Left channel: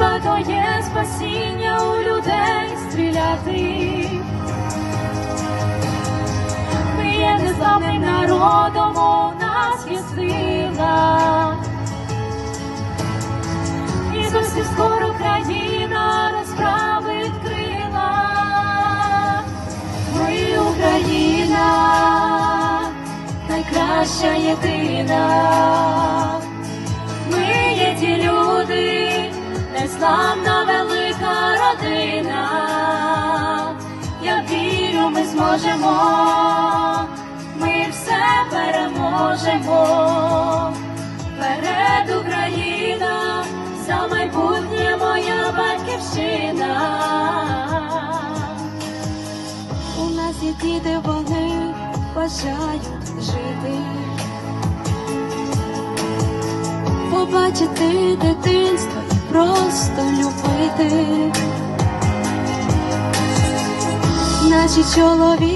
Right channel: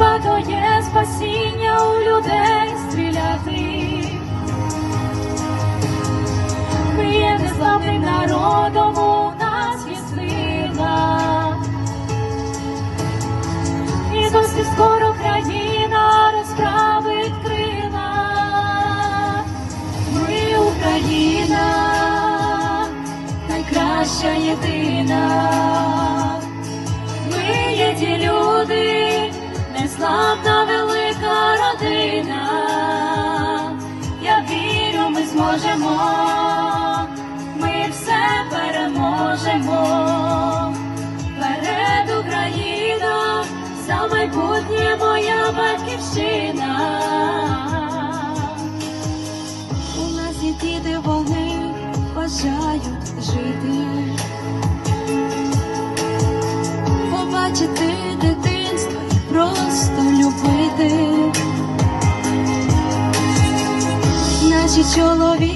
Хіба є спасіння у людей стріляти? Ми є незламним народом, у нас є сила. І зовсім скоро країна розправить крила. Ми Україна, найкраща єдина. Родина. Я вірю, ми зможемо, ми все переможемо.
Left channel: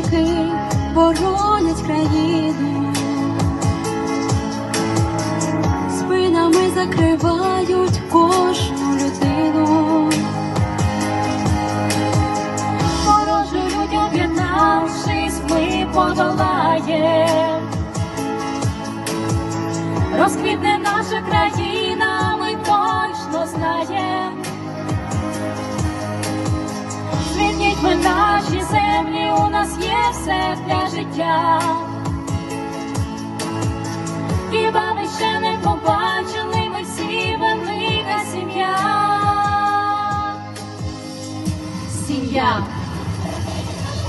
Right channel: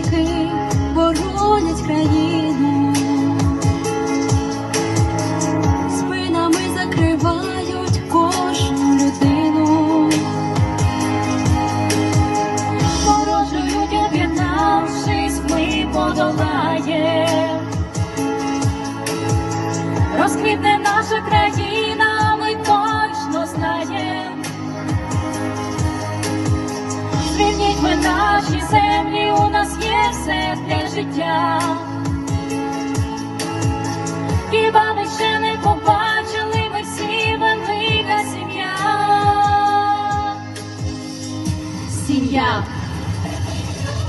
Чоловіки боронять країну. Спинами закривають кожну людину. Ворожують об'єднавшись, ми подолаєм. Розквітне наша країна, Ми ще не побачили, ми всі велика сім'я. Сім'я.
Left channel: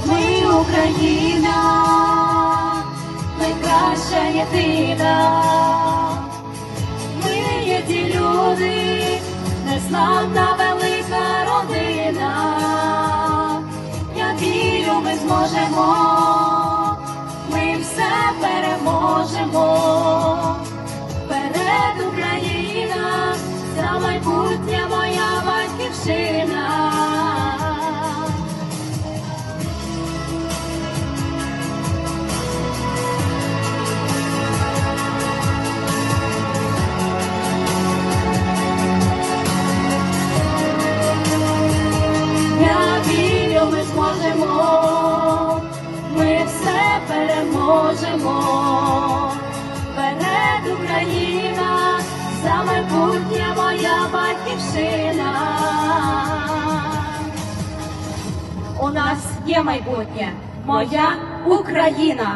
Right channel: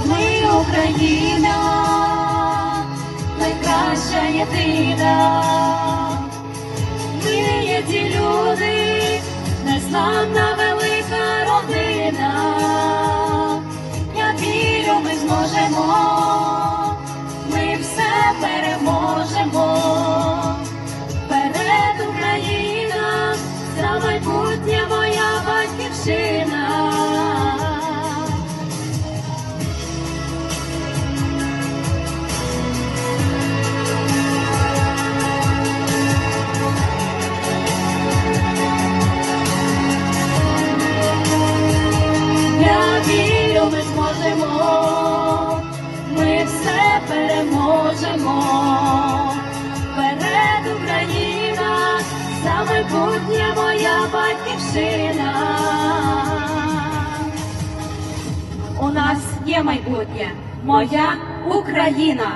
Ми Україна, найкраща єдина. Ми є ті люди, незламна велика родина. Я вірю, ми зможемо, ми все переможемо. Ми зможемо, ми все переможемо. Перед Україна, за майбутнє моя батьківщина. У нас є майбутнє, моя Україна.